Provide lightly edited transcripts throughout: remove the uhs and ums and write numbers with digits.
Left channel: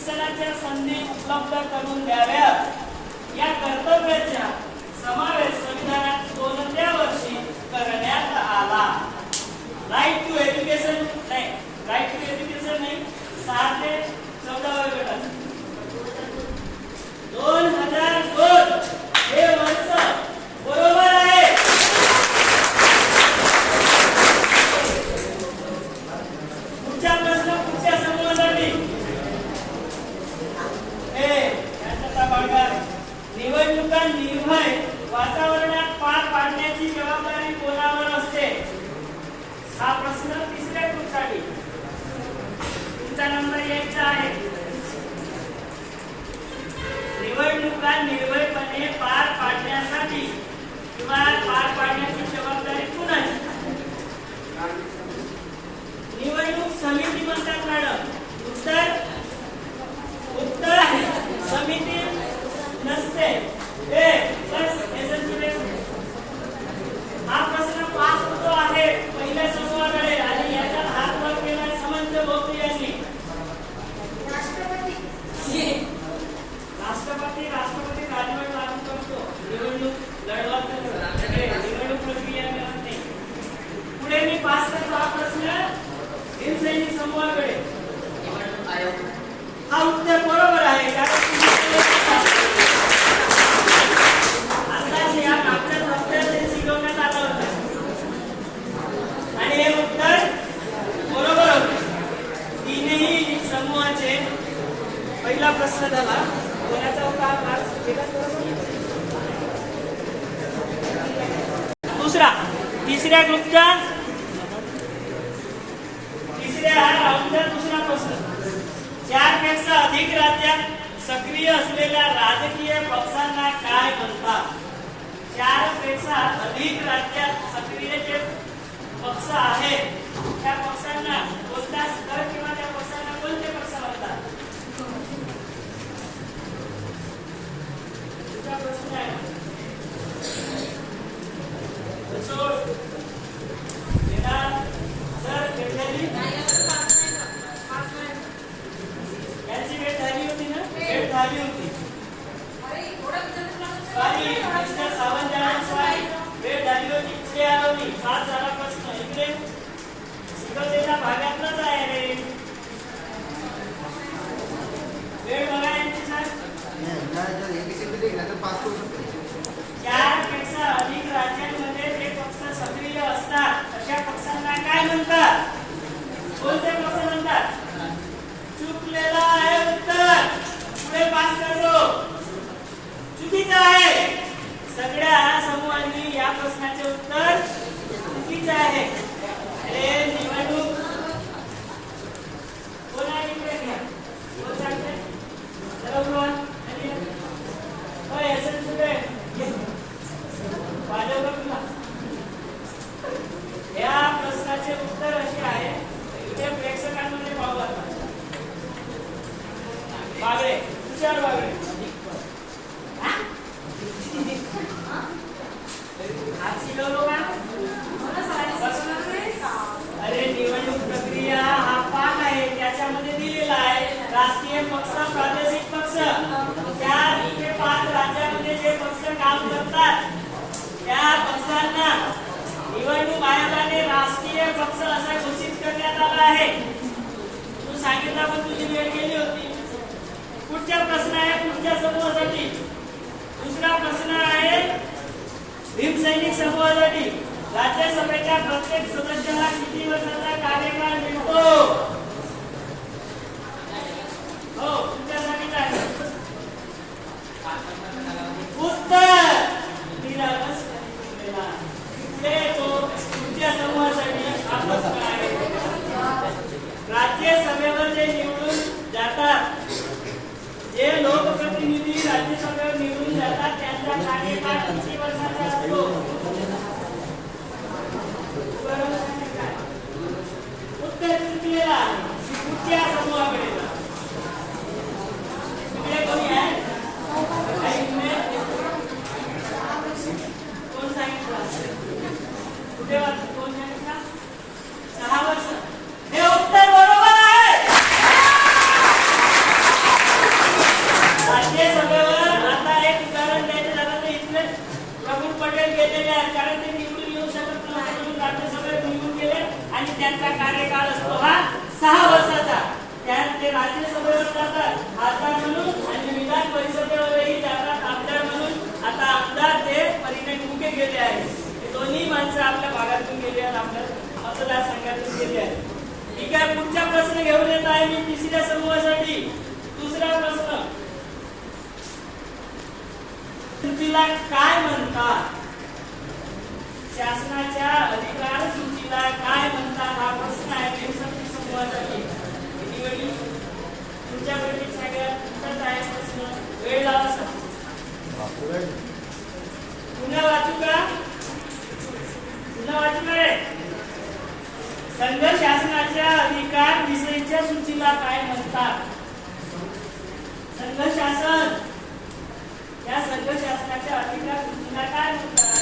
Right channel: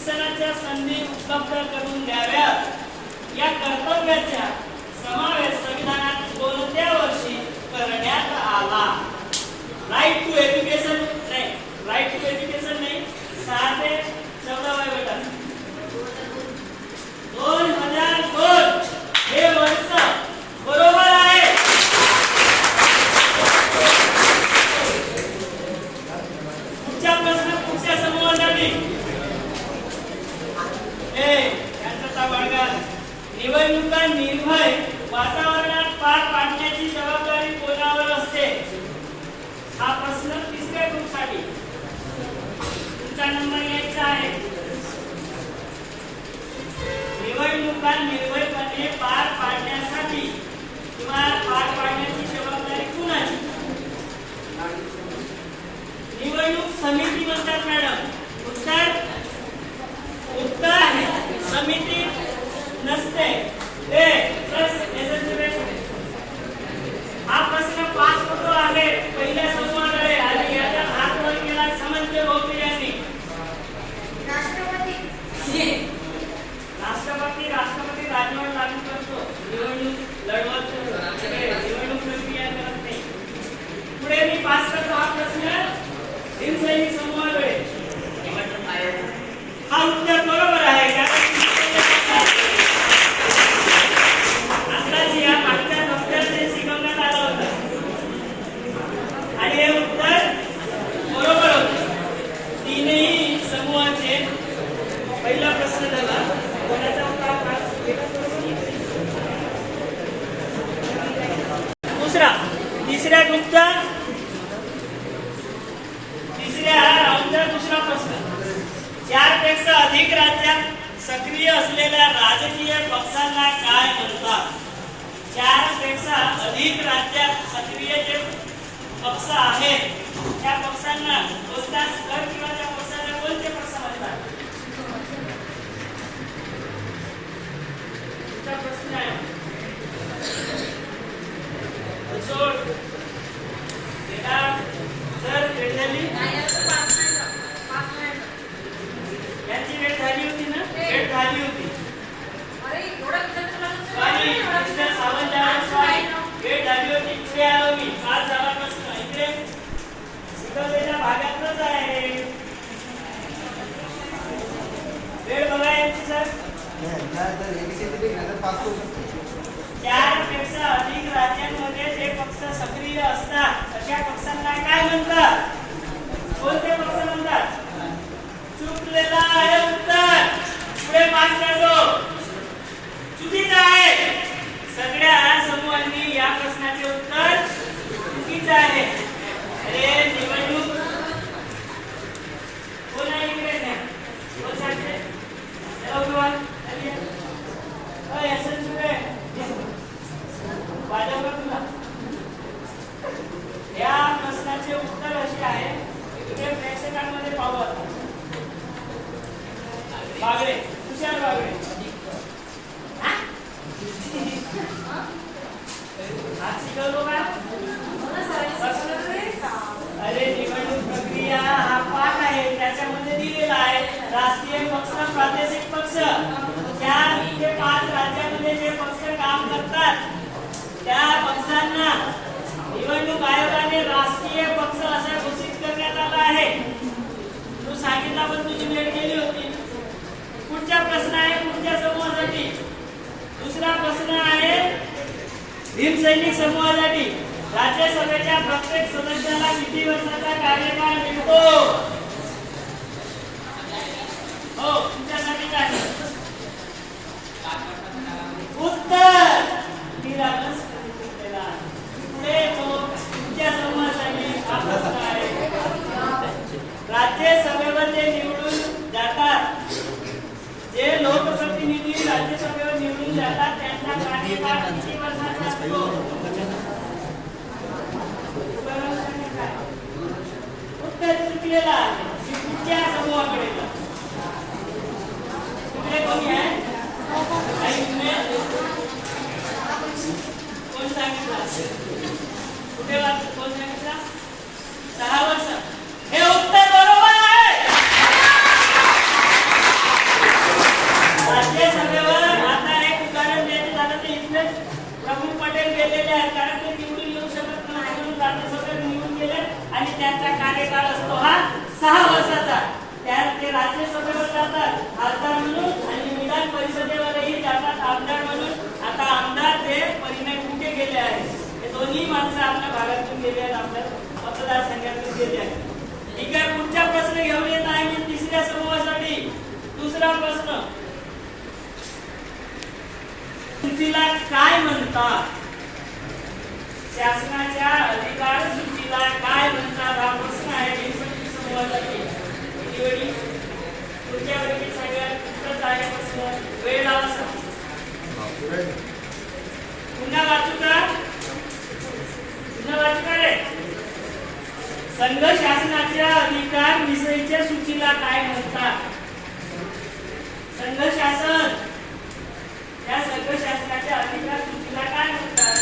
शिक्षणाच्या संधी उपलब्ध करून द्याव्यात या कर्तव्याचा समावेश संविधानात कोणत्या वर्षी करण्यात आला? राईट टू एज्युकेशन नाही, राईट टू एज्युकेशन नाही, 6 ते 14 वयोगटात 2002 हे वर्ष बरोबर आहे. पुढचा प्रश्न पुढच्या समूहासाठी निवडणुका निर्भय वातावरणात पार पाडण्याची जबाबदारी कोणावर असते? हा प्रश्न तिसऱ्या ग्रुपसाठी. तुमचा नंबर यायचा आहे. निवडणुका निर्भयपणे पार पाडण्यासाठी किंवा पार पाडण्याची जबाबदारी कुणाची? निवडणूक समिती म्हणतात मॅडम. उत्तर समिती नसते. हा प्रश्न 5 होतो आहे पहिल्या समूहाकडे आणि याचा हात वर केला समंत भोवते यांनी. राष्ट्रपती राजवट लागू करतो, निवडणूक लढवत निवडणूक प्रक्रिया करत नाही. पुढे मी पास करतो हा प्रश्न भीमसैनिक समूहाकडे. हा उत्तर बरोबर आहे का? अंदाजे या मागच्या हप्त्यात शिकवण्यात आलं होतं आणि हे उत्तर बरोबर होते. तीनही समूहाचे पहिला प्रश्न झाला. कोणाचा होता? दुसरा तिसऱ्या ग्रुपच्या तिसऱ्या राऊंडचा दुसरा प्रश्न. 4 पेक्षा अधिक राज्यात सक्रिय असलेल्या राजकीय पक्षांना काय म्हणतात? 4 पेक्षा अधिक राज्यात सक्रिय जे पक्ष आहेत त्या पक्षांना कोणता स्तर किंवा त्या पक्षांना कोणते पक्ष म्हणतात? तुमचा प्रश्न आहे. जर भेट झाली यांची भेट झाली होती ना? भेट झाली होती. भेट झाली होती. पुढे आलो मी. 5 झाला प्रश्न. इकडे शिकवलेल्या भागातलंच आहे. वेळ बघा यांची सर. 4 पेक्षा अधिक राज्यांमध्ये जे पक्ष सक्रिय असतात अशा पक्षांना काय म्हणतात? कोणते पक्ष म्हणतात? चुकलेला आहे उत्तर. पुढे पास करतो. चुकीचं आहे. सगळ्या समूहांनी या प्रश्नाचे उत्तर चुकीचं आहे. अरे निवडणूक कोण आहे इकडे? या प्रश्नाचे उत्तर असे आहे. इथे प्रेक्षकांमध्ये पाहू आता. बागडे, तुषार बागडे. आज शिकवलो का? अरे निवडणूक प्रक्रिया हा पाठ आहे. त्याच्यामध्ये दिलेला आहे राष्ट्रीय पक्ष, प्रादेशिक पक्ष. त्या 5 राज्यांमध्ये जे पक्ष काम करतात त्या पक्षांना निवडणूक आयोगाने राष्ट्रीय पक्ष असे घोषित करण्यात आला आहे. तू सांगितलं पण तुझी वेळ गेली होती. पुढचा प्रश्न आहे पुढच्या समूहासाठी. दुसरा प्रश्न आहे भीमसैनिक समूहासाठी. राज्यसभेच्या प्रत्येक सदस्याला किती वर्षाचा कार्यकाळ मिळतो? हो, तुमच्यासाठी काय उत्तर? पुढे तो तुमच्या समूहासाठी हा प्रश्न आहे. राज्यसभेवर जे निवडून जातात, जे लोकप्रतिनिधी राज्यसभेवर निवडून जातात त्यांचा कार्यकाळ किती वर्षाचा असतो? उत्तर चुकलेला. पुढच्या समूहाकडे तिकडे कोणी आहे? कोण सांगितलं? कुठे कोण सांगितलं? 6 वर्ष. हे उत्तर बरोबर आहे. आणि त्यांचा कार्यकाळ असतो हा 6 वर्षाचा. त्यात ते राज्यसभेवर जातात खासदार म्हणून आणि विधान परिषदेवरही जातात आमदार म्हणून. आता आमदार ते परिणय कुठे गेले आहेत, हे दोन्ही माणसं आपल्या भागातून गेले आहेत, आपल्या मतदारसंघातून गेले आहेत. ठीक आहे, पुढचा प्रश्न घेऊन येत आहे मी तिसऱ्या समूहासाठी. दुसरा प्रश्न, सूचीला काय म्हणतात? शासनाच्या अधिकार सूचीला काय म्हणतात हा प्रश्न आहे समूहासाठी. पुढच्या वर्गात सगळ्यात आहे प्रश्न. वेळ लावा सर. पुन्हा वाचू का? पुन्हा वाचू का? संघ शासनाच्या अधिकार विषयीच्या सूचीला काय म्हणतात? संघ शासन, या संघ शासनाच्या अधिकार सूचीला काय म्हणतात?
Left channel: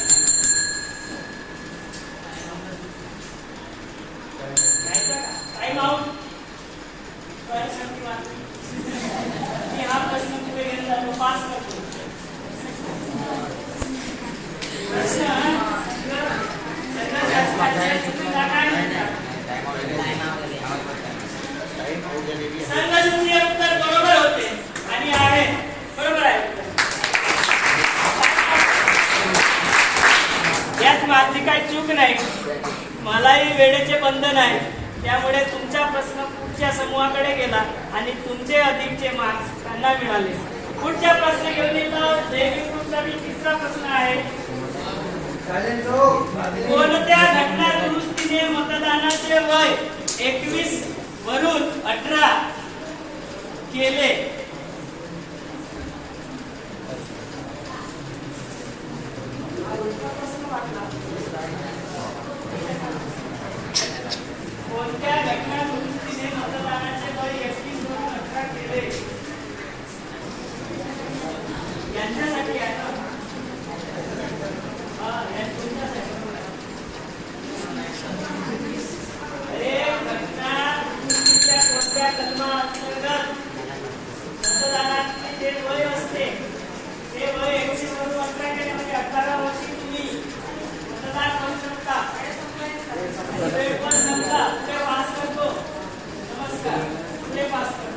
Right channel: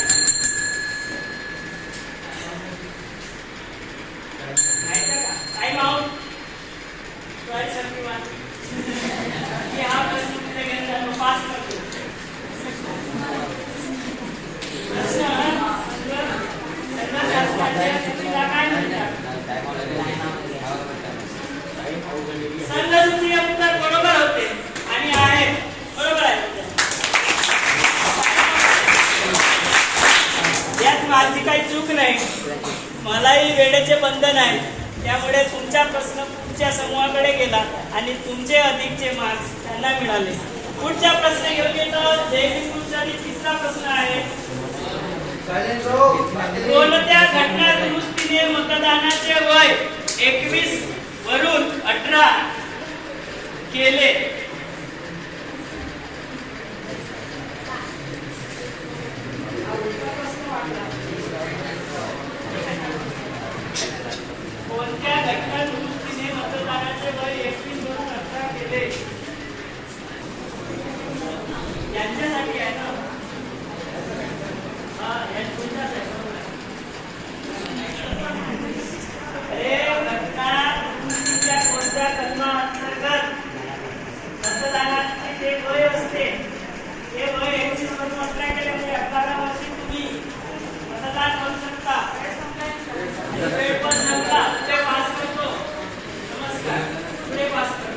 Time out. सॉरी संधीवान, मी हा प्रश्न पुढे घेऊन पास करतो. प्रश्न, संघ शासनाच्या सूचीला काय म्हणतात? संघ सूची हे उत्तर बरोबर होते आणि आहे बरोबर आहे. यात माझी काही चूक नाही, मलाही वेळेचे बंधन आहे, त्यामुळे तुमचा प्रश्न पुढच्या समूहाकडे गेला आणि तुमचे अधिकचे मार्क्स त्यांना मिळाले. पुढचा प्रश्न घेऊन येतो. जैविक ग्रुपसाठी तिसरा प्रश्न आहे. कोणत्या घटना दुरुस्तीने मतदानाचे वय 21 वरून 18 केले? कोणत्या घटना दुरुस्तीने मतदानाचे वय 21 वरून 18 केले? यांच्यासाठी आहे ना? कोणत्या कलमाअंतर्गत मतदानाचे जे वय असते ते वय 21 वरून 18 केल्यामुळे 18 वर्षी तुम्ही मतदान करू शकता. वेळ पण संपला. पुढे पास करतो. नमस्कार. पुढे पास करतो.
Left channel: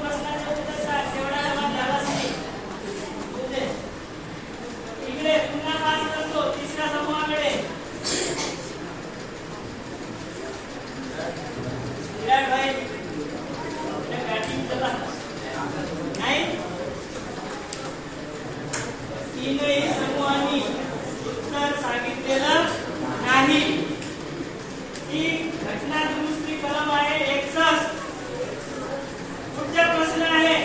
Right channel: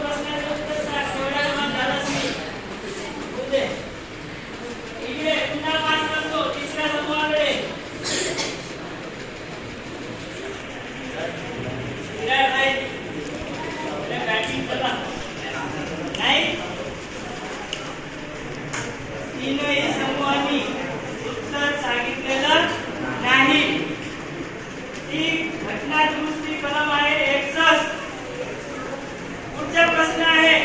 प्रश्नाचे उत्तर सांग. तेवढा जमा झालाच नाही. पुढे इकडे पुन्हा पास करतो. तिसऱ्या समूहाकडे. विराट भाई, बॅटिंग चला. नाही, तीनही समूहांनी उत्तर सांगितलेलं नाही. ती घटना दुरुस्ती कलम आहे 61. पुढचा प्रश्न आहे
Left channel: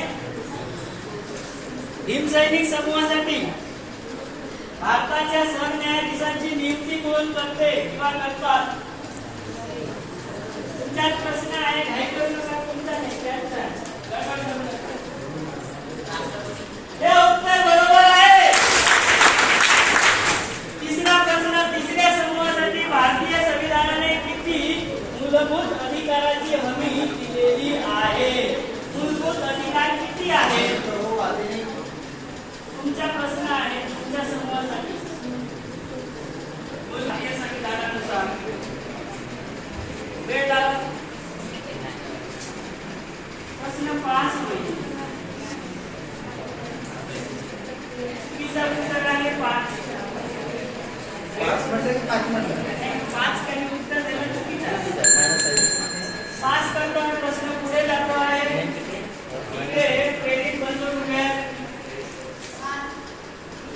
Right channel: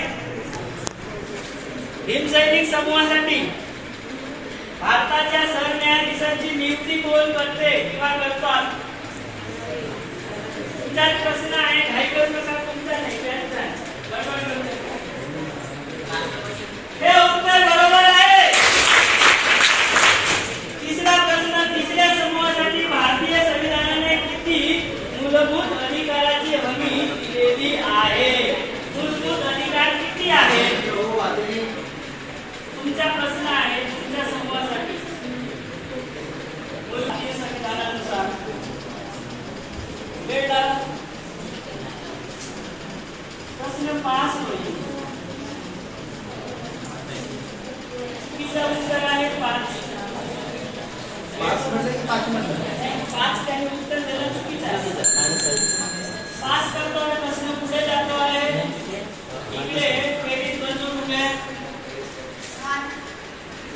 भीमसैनिक समूहासाठी. भारताच्या सरन्यायाधीशांची नियुक्ती कोण करते किंवा करतात? तुमचा प्रश्न आहे. घाई करू नका, तुमचा नाही त्यांचा आहे. बरोबर करू नका. हे उत्तर बरोबर आहे. तिसरा प्रश्न तिसऱ्या समूहासाठी. भारतीय संविधानाने किती मूलभूत अधिकाराची हमी दिलेली आहे? मूलभूत अधिकार किती आहेत? तुमचा प्रश्न आहे तुमच्या समूहासाठी. भारतीय संविधानानुसार वेळ लावा. प्रश्न पास होईल. उत्तर आहे 5. 5 त्यांनी उत्तर दिलं चुकीचं आहे. पास करतो आणि प्रश्न पुढे जातो आहे. इकडे क्रेडिट बनवून उभे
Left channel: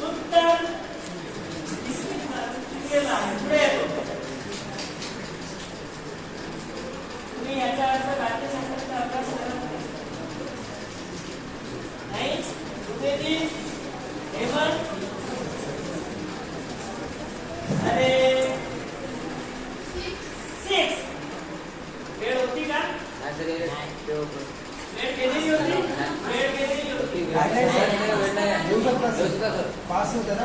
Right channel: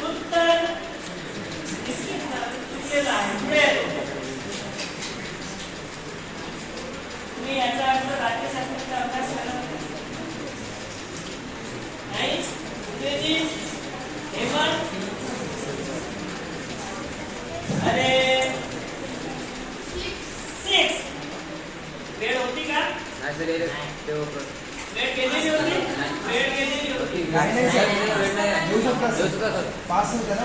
उत्तर चुकीचं आहे. पुढे तुम्ही याचा अर्थ राज्यशास्त्राचा अभ्यास केला नाही. पुढे हेमंत, अरे 6 वेळ होती का? वेळ केलेली होती. वेळ केलेली होती. पास घेतला ना.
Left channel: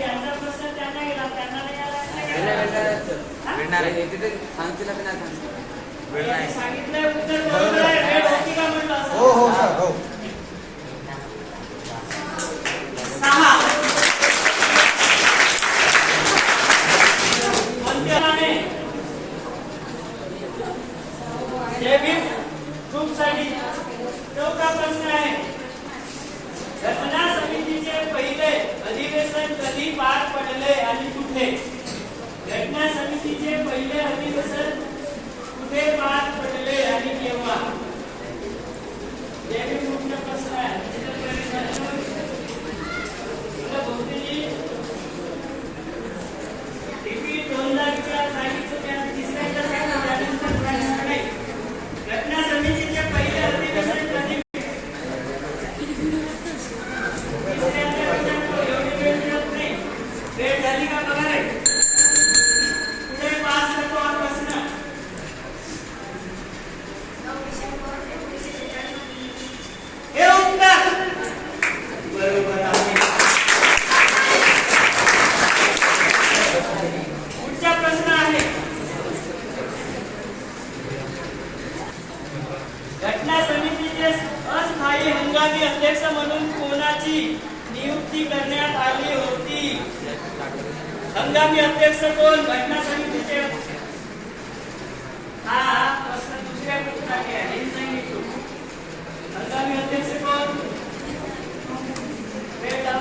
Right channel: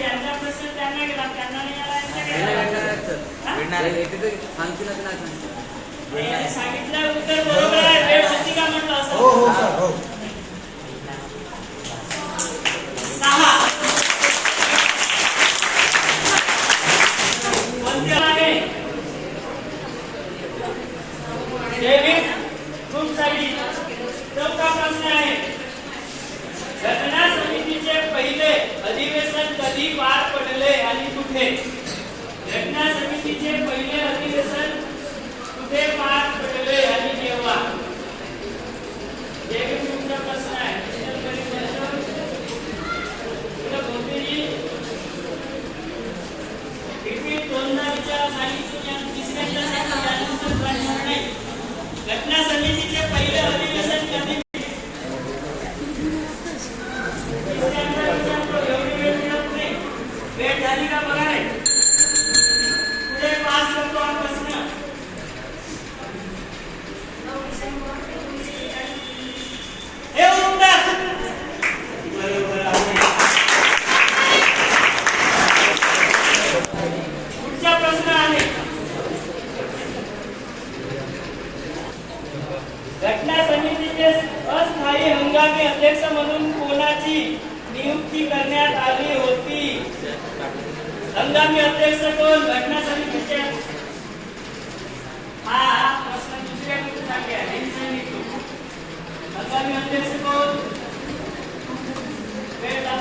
यांचा प्रश्न त्यांना गेला, त्यांना नाही आला. सांगितलं उत्तर बरोबर आहे. वेळ होती का म्हटलं असं? 6 ग्रुपसाठी चौथा प्रश्न आहे, घटना समितीचे पहिले अधिवेशन कधी पार पडले आणि कुठे? घटना समितीचे पहिले अधिवेशन कुठे पार पडले आणि केव्हा? हे तुमचा प्रश्न आहे. घटना समितीचे पहिले अधिवेशन कधी? वेळ झाली का बघा रे. पुढे पास करतो हा प्रश्न. हे उत्तर बरोबर आहे. पुढचा प्रश्न आहे, घटना समितीचे अस्थायी हंगामी अध्यक्ष म्हणून कोणाची नियुक्ती करण्यात आली होती? हंगामी अध्यक्ष कोण घटना समितीचे? हा प्रश्न दुसऱ्या मिनिटासाठी आहे. हंगामी अध्यक्ष कोण? वेळा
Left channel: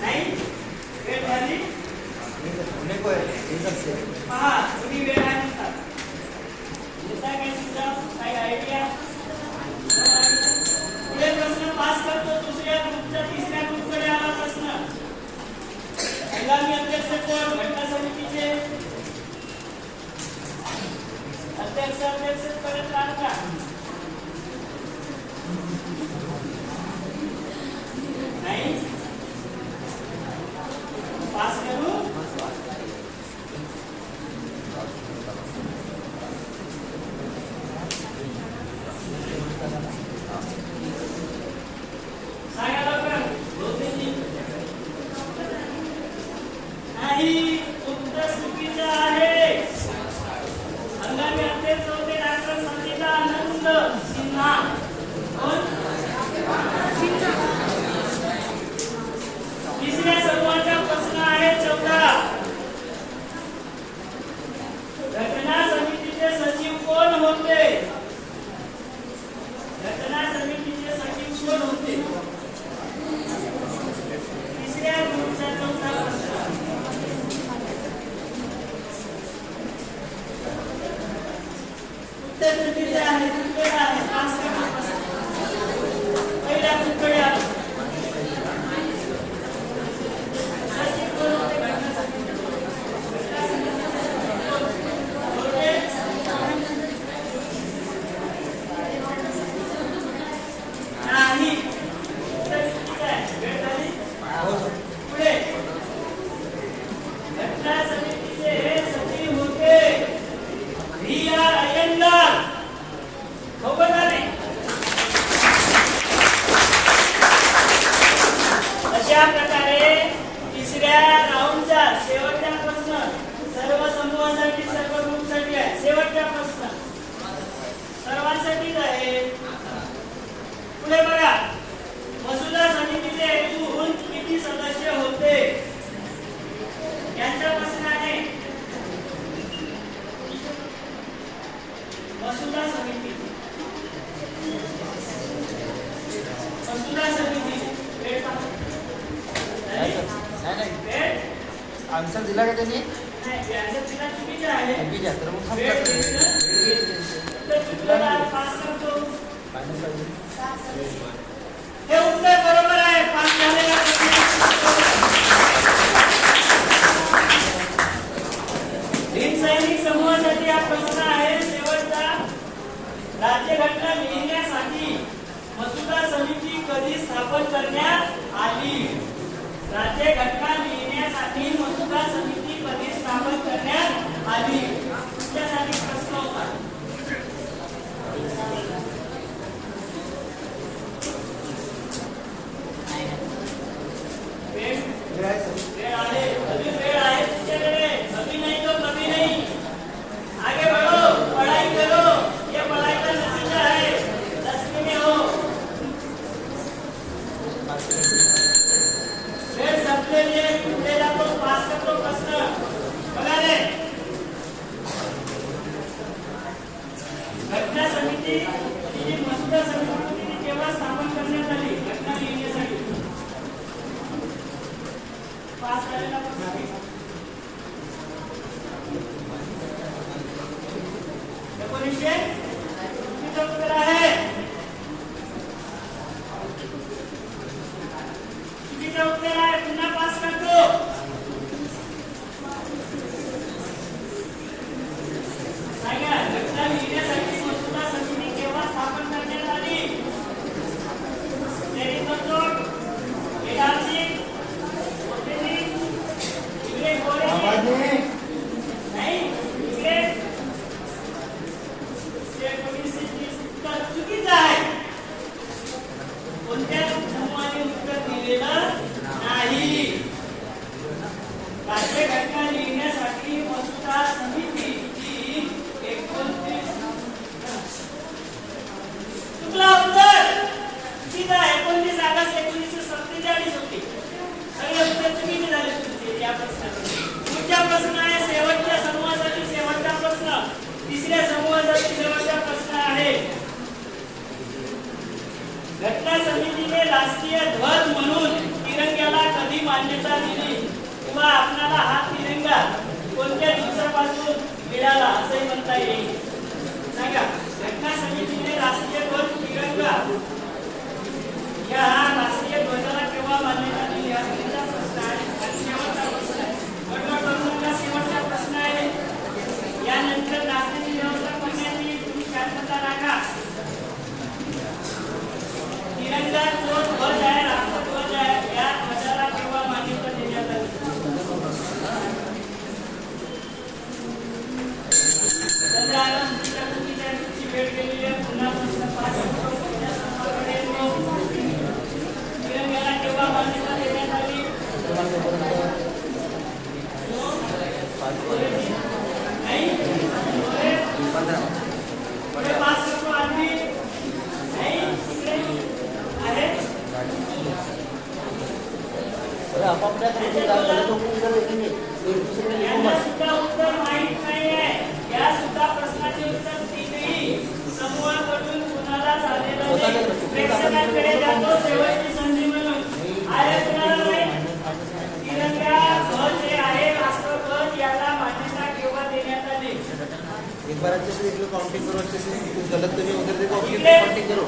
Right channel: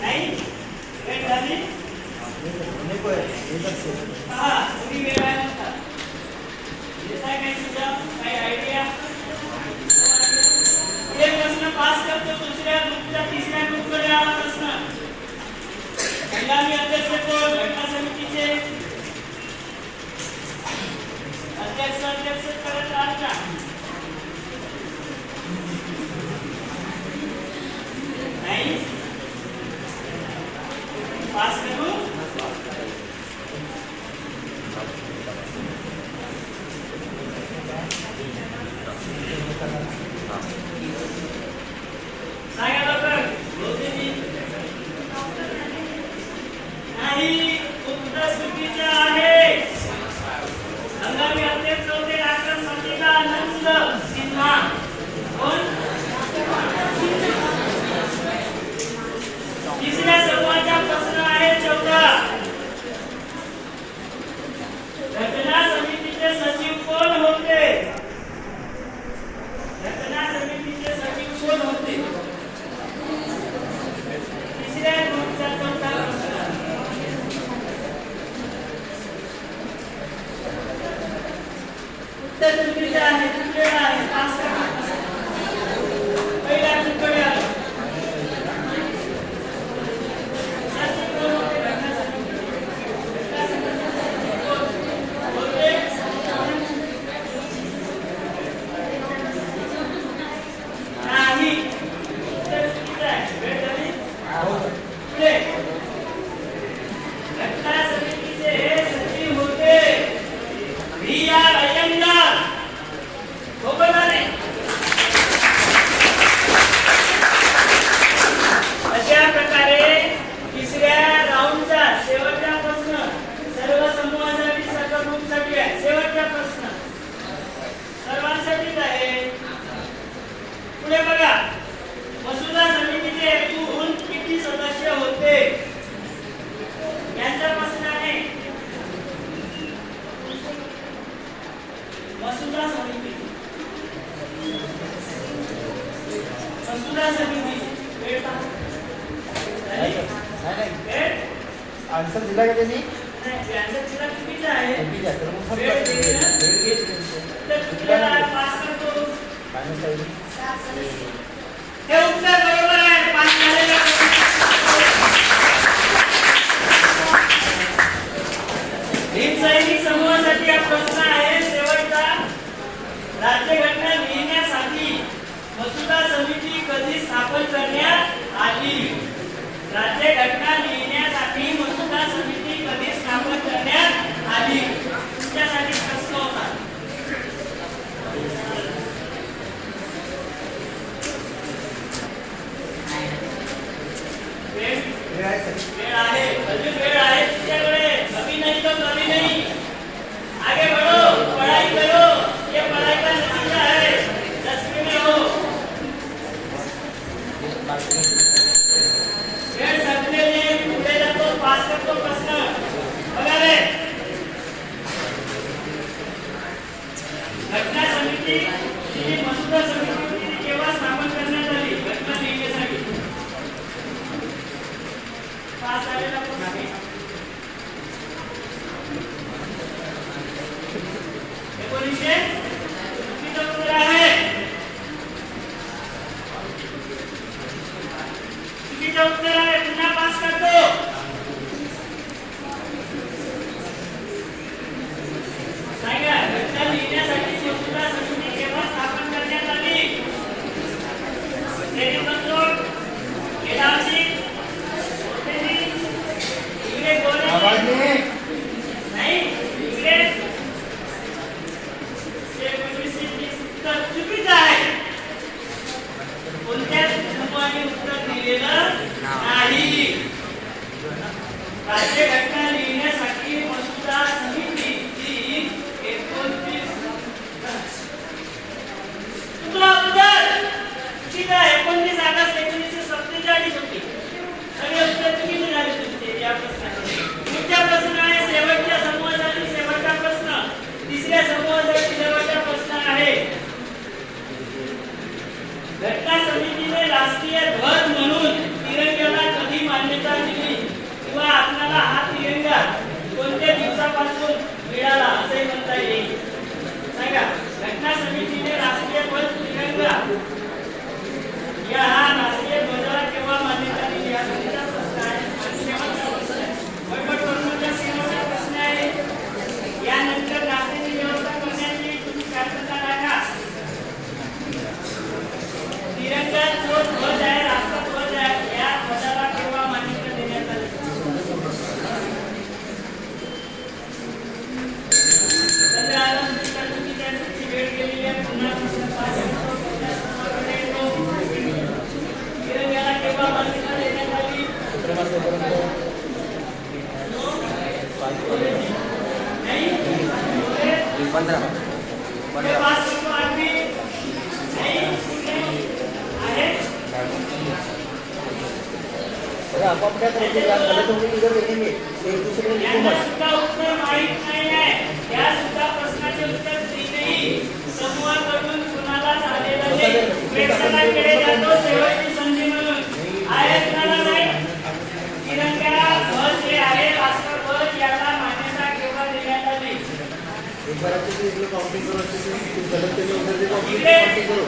नाही वेळ झाली. हा तुम्ही वेळ आहे म्हणतात. येताय काही सुद्धा काही आयडिया? पुढे प्रश्न पास करतो. दुसऱ्या ग्रुपच्या तिसऱ्या ग्रुपकडे आला प्रश्न. हंगामी अध्यक्ष कोण घटना समितीचे? अध्यक्ष करत राहत का? नाही पास करू. सांगा डॉक्टर. नाही उत्तर चुकीचे आहे. हंगामी अध्यक्ष होते डॉक्टर संगीता आनंद सिन्हा. कोण? तिसऱ्या समूहाचा प्रश्न आहे चौथा. घटना समितीचे सचिव कोण होते? घटना समितीचे सचिव कोण होते? तिसऱ्या ग्रुपचा चौथा प्रश्न. उत्तर चुकीचे आहे. चुकलेला आहे. पास करा. पहिल्या ग्रुपकडे आलो. सचिव कोण होते घटना समितीचे? नाही उत्तर चुकीचं आहे. वेळ झाली. पुढे घटना समितीचे हे सचिव होते व्ही.आर. अय्यंगार. हो का नाही? अशा प्रकारे तिसऱ्या राऊंडचा शेवटचा प्रश्न सर्व समूहासाठी सर्व ग्रुपसाठी आहे. शेवटचा प्रश्न सर्वांसाठीच आहे. पुढे बघा, मसुदा समितीचे एकूण किती सदस्य होते? यांचा प्रश्न आहे. मसुदा समिती वेळ आन्सर दिला का त्यांनी? आन्सर दिला चुकीचा आहे. तर मग चुकीला पास करतो. हे उत्तर बरोबर आहे. पास झालेला. भीम सैनिक समूहासाठी हा प्रश्न आहे शेवटचा. राज्यघटना लिहिण्यासाठी मसुदा समिती कधी स्थापन करण्यात आली? राज्यघटना लिहिण्यासाठी मसुदा समिती कधी स्थापन करण्यात आली? तुमच्यासाठी प्रश्न होता. वेळ आहे. अजून वेळ आहे तुमच्याकडे. अभी नहीं तो कभी नहीं. आगे बढ़ो, पढ़ाई करो. ये पढ़ाई का नतीजा है. 10वीं में हो. वेळ संपलेली. पुढे जातो. पास करतो प्रश्न. बघा रे. समिती ही मसुदा समिती केव्हा स्थापन करण्यात आली घटना लिहिण्यासाठी? पास झालेला प्रश्न 1900 चुकीचं उत्तर आहे. चुकीचं उत्तर आहे. पुन्हा पास करतो. सांगा घटना लिहिण्यासाठी मसुदा समिती केव्हा स्थापन करण्यात आली? तेरेबंदोड, केदारसिंग, इकडे गोरे नाही, इकडे चुकीचं आहे. कोणत्या समूहाने उत्तर दिलेलं नाही. राज्य घटना लिहिण्यासाठी मसुदा समिती जी 29 तुला उत्तर चुकीचं आहे. 29 ऑगस्ट 1947 होती. सगळे उत्तर चुकीचे झाले तुमचे या प्रश्नाचे. पुढचा प्रश्न आहे शेवटच्या समूहासाठी शेवटचा प्रश्न. तिसऱ्या समूहासाठी शेवटचा प्रश्न आहे. घटना समितीने राष्ट्रीय ध्वज म्हणून तिरंग्याला कधी मान्यता दिली किंवा आपल्याला हा तिरंगा कोणत्या दिवसापासून मिळाला असे म्हणता येईल? सांगा घटना समितीने राष्ट्रीय ध्वज तिरंगा या हा राष्ट्रीय ध्वजाला केव्हा मान्यता दिली हा तुमचा प्रश्न आहे. आणि शेवटचा प्रश्न वटवटवरचा शेवटचा प्रश्न आहे. यानंतर राष्ट्रीय व्यवस्था करण्यात येईल. तुम्ही शांतता राखा. तिरंगा जो ध्वज आहे राष्ट्रध्वज आहे या ध्वजाला केव्हा मान्यता देण्यात आली? सध्या आनंदी भेट गेलेली आहे. पुन्हा प्रश्न पास करतो. तिरंग्याला केव्हा मान्यता देण्यात आली? नाही पास करतो. अगदी नाही आहे. यांना सुद्धा उत्तर माहित नाही आहे. या सुद्धा प्रश्नाचे उत्तर तीनही समूहाकडून कुणालाच आलेलं नाही. प्रेक्षकांकडे जातो शेवटची संधी म्हणून. आहे कुणाला नाही? तिरंगा ध्वज जे आहे राष्ट्रध्वज याला मान्यता केव्हा देण्यात आली? काउंटिंग करो अच्छे से गलत तो नहीं उधर देखो काउंटिंग करो.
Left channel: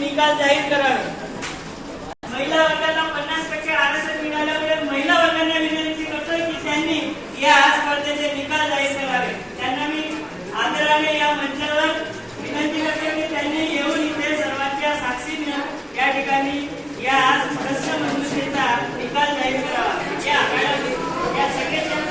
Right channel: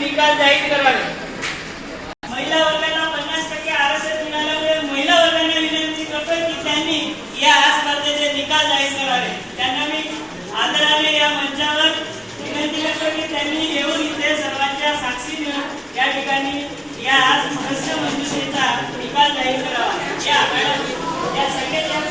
निकाल जाहीर करावे. महिला वर्गाला 50% आरक्षण मिळाल्यामुळे महिला वर्गाने विनंती करतो की त्यांनी या स्पर्धेचे निकाल जाहीर करावे. त्यांना मी आदराने या मंचावर विनंती करतो की त्यांनी येऊन इथे सर्वांच्या साक्षी देऊन या ठिकाणी या प्रश्न मंजुषेचा निकाल जाहीर करावा. या सगळ्या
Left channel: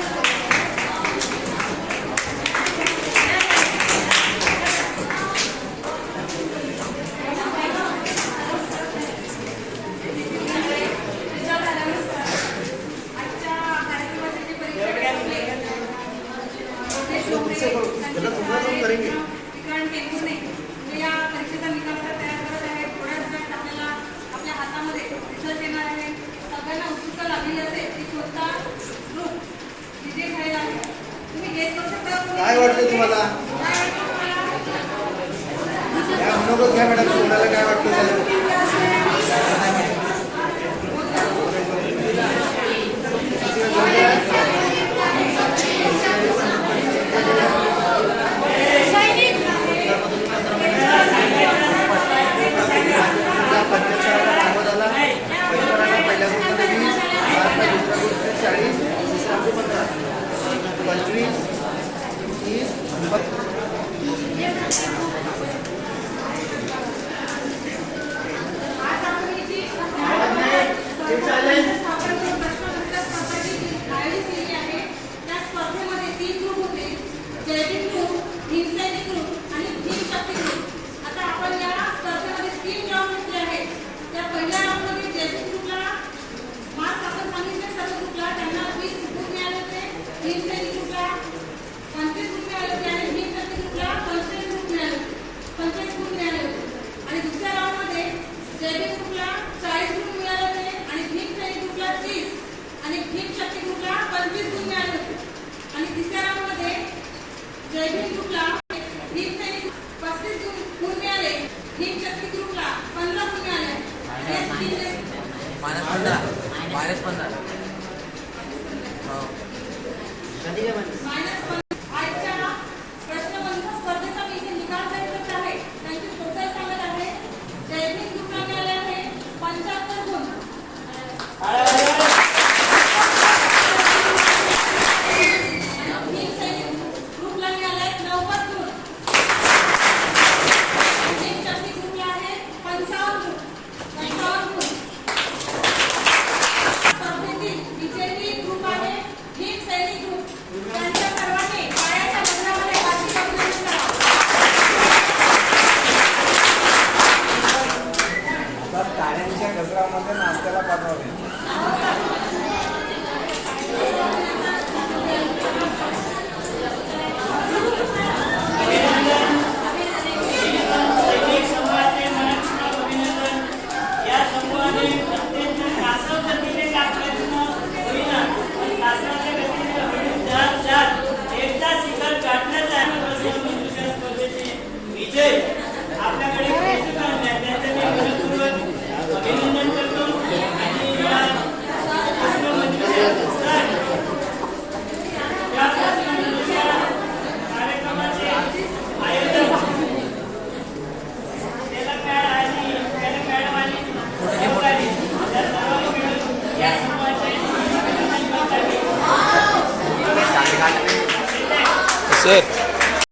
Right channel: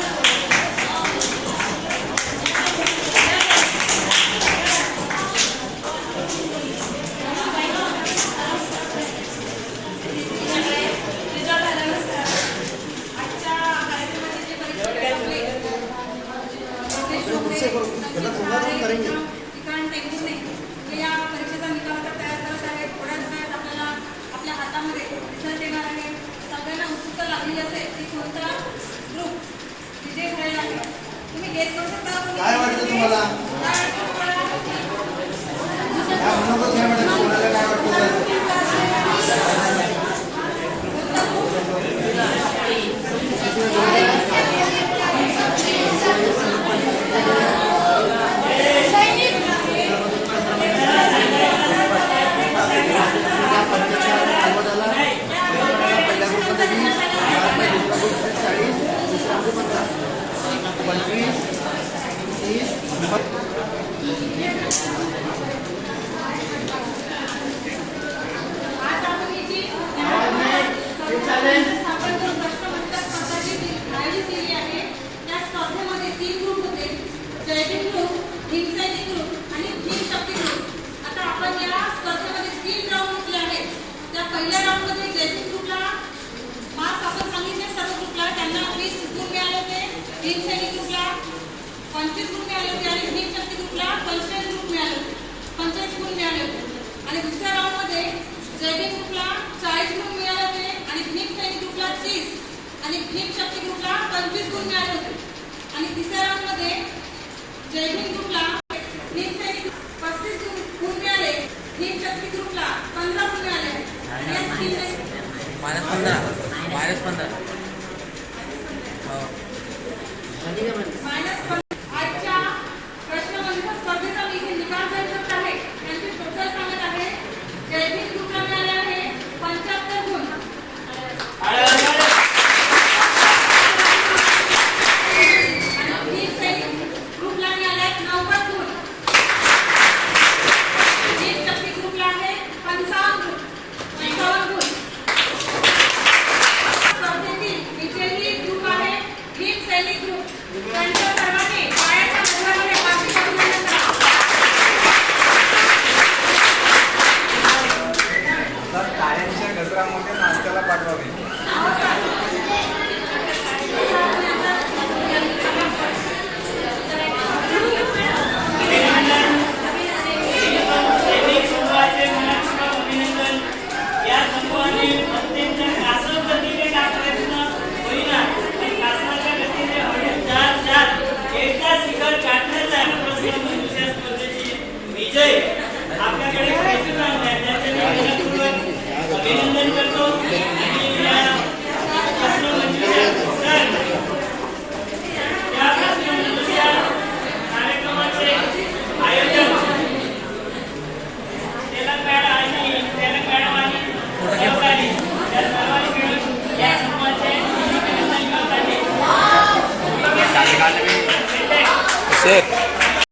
ग्रुपला 45 गुण मिळाले होते आणि दुसऱ्या राऊंडमध्ये जयभीम ग्रुपला 40 गुण मिळाले होते आणि नीट सैनिक ग्रुपला 30 आणि नीट शक्ती ग्रुपला 25 गुण मिळाले होते आणि तिसऱ्या राऊंडमध्ये जयभीम ग्रुपला नीट सैनिक 35 गुण मिळाले, नीट शक्ती ग्रुपला 15 गुण मिळाले. आजच्या प्रश्नमंजुषा स्पर्धेचा मी इथे निकाल जाहीर करत आहे. त्यांची टोटल सांगत आहे. जयभीम ग्रुपला मिळाले आहे 75 गुण. नीट सैनिक ग्रुपला मिळाले आहेत 90 गुण. नीट शक्ती ग्रुपला आहे 55 गुण. स्पर्धेतील विजेते ग्रुप आहे नीट सैनिक ग्रुप. त्यांच्या सर्वांनी पायाच्या गजरामध्ये वार्षिक अभिनंदन करा. तर टाळ्यांच्या गजरामध्ये नाश्त्याला पाठवावे. सैनिक समूहाचे मनपूर्वक अभिनंदन. या समूहाने अत्यंत कासव गतीने टाकण्याचा होईना पण कासवाच्या गतीने हळू चार एकदा शिखर गाठण्याचा आहे. प्रश्नमंजुषा स्पर्धेचे विजय आपल्याकडे खेचून आणला त्याचे मी मनपूर्वक अभिनंदन करतो. आणि या प्रश्नमंजुषा या प्रश्नमंजुषा कार्यक्रमाचे आयोजन तेलंगणा आणि सहकारी या सर्वांनी मिळून या समूहाचे अभिनंदन करत आहे. सर